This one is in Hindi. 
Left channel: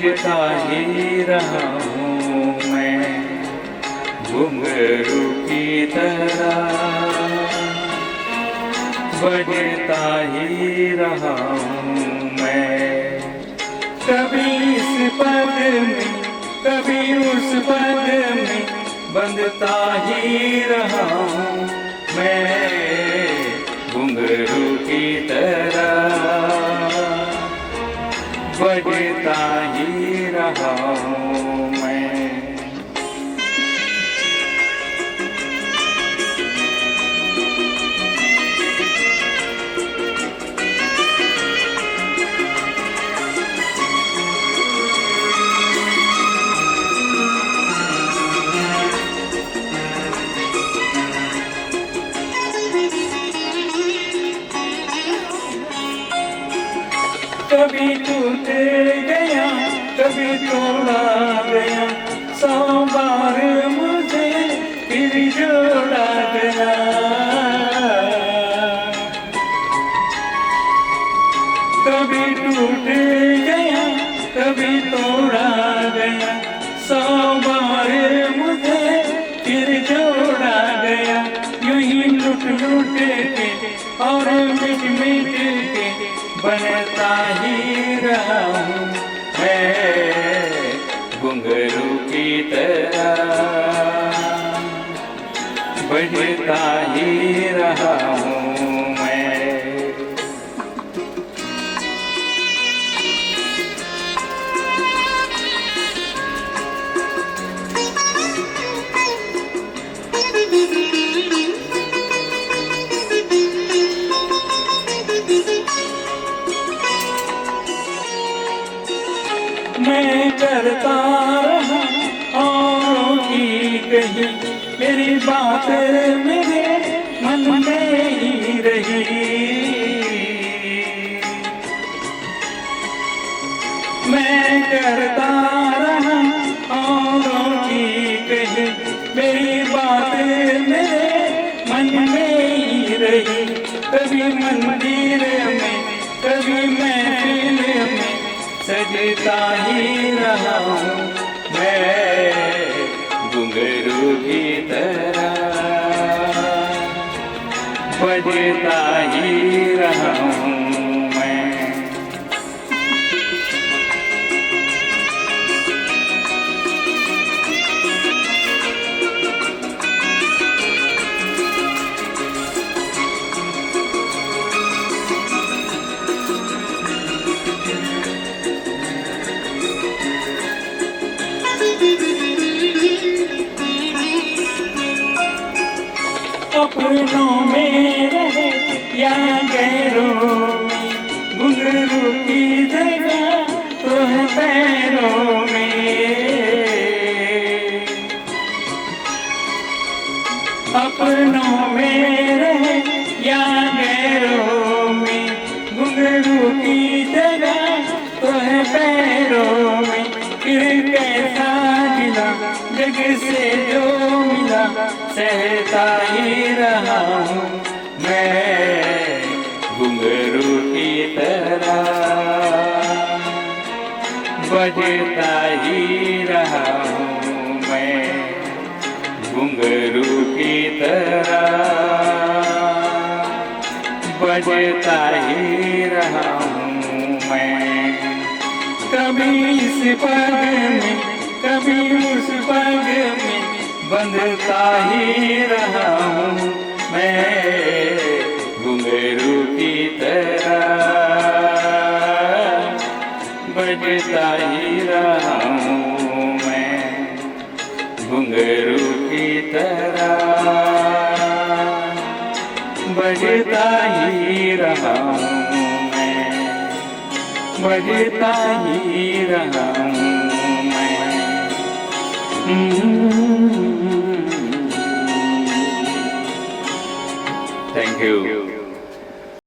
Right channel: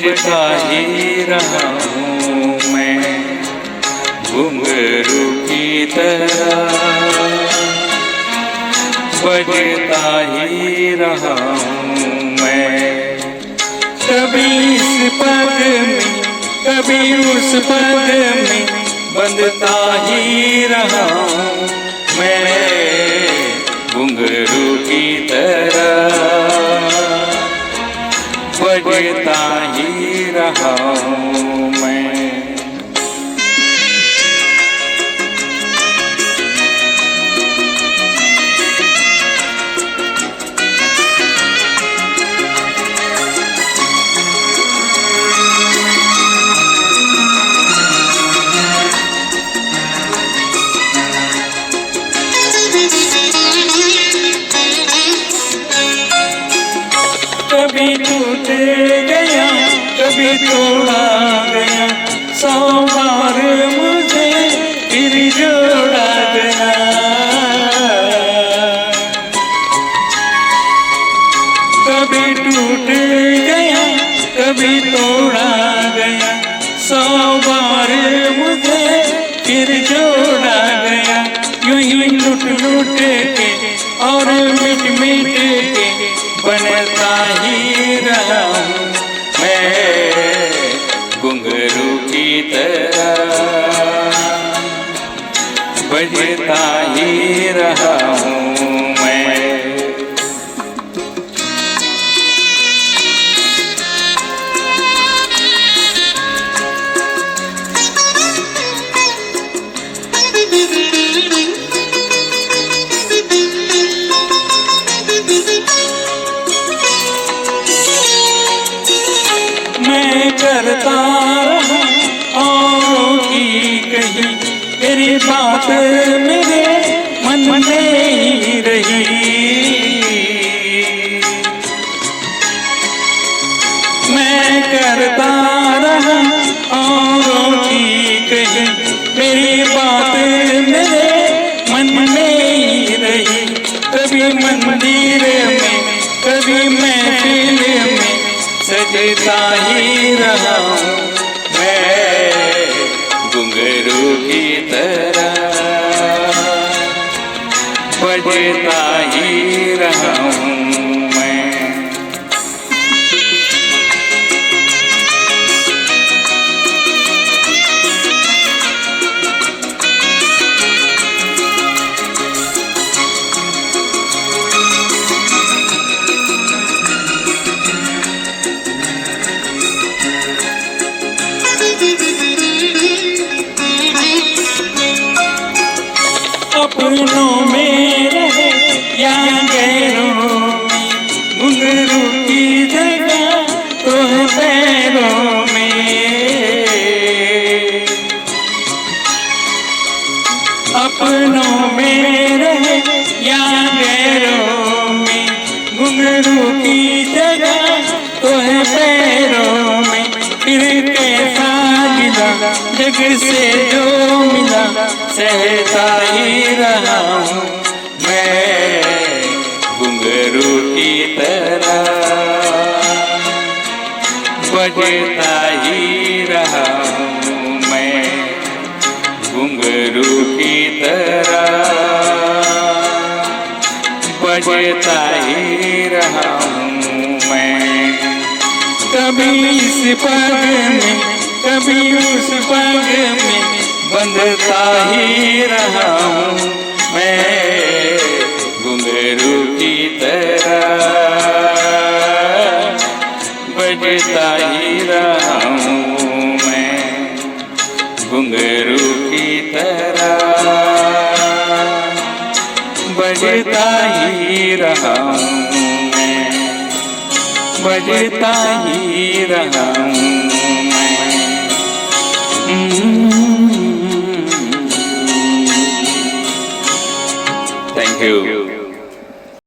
बजता ही रहा हूँ मैं घुंघरू की तरह, बजता ही रहा हूँ मैं। कभी इस पग में कभी उस पग में बंधता ही रहा हूँ मैं घुंघरू की तरह, बजता ही रहा हूँ मैं। कभी टूट गया कभी तोड़ा गया, 100 बार मुझे फिर जोड़ा गया। कभी टूट गया कभी तोड़ा गया, 100 बार मुझे फिर जोड़ा गया। यूं यूं लुट लुट के और मिट मिट के बनता ही रहा हूँ मैं घुंघरू की तरह, बजता ही रहा हूँ मैं। मैं करता रहा औरों की कही, मेरी बात मेरे मन में ही रही। मैं करता रहा औरों की कही, मेरी बात मेरे मन में ही रही। कभी मंदिर में कभी महफिल में सजता ही रहा हूँ मैं घुंघरू की तरह, बजता ही रहा हूँ मैं। अपनों में रहे या गैरों में, घुंघरू की जगह तो है पैरों में। अपनों में रहे या गैरों में, घुंघरू की जगह तो है पैरों में। फिर कैसा मिला जग से जो मिला, सहता ही रहा हूँ मैं घुंघरू की तरह, बजता ही रहा हूँ मैं घुंघरू की तरह, बजता ही रहा हूँ मैं। कभी इस पग में कभी उस पग में बंधता ही रहा हूँ मैं घुंघरू की तरह, बजता ही रहा हूँ मैं घुंघरू की तरह, बजता ही रहा हूँ मैं, बजता ही रहा हूँ मैं। Thank you.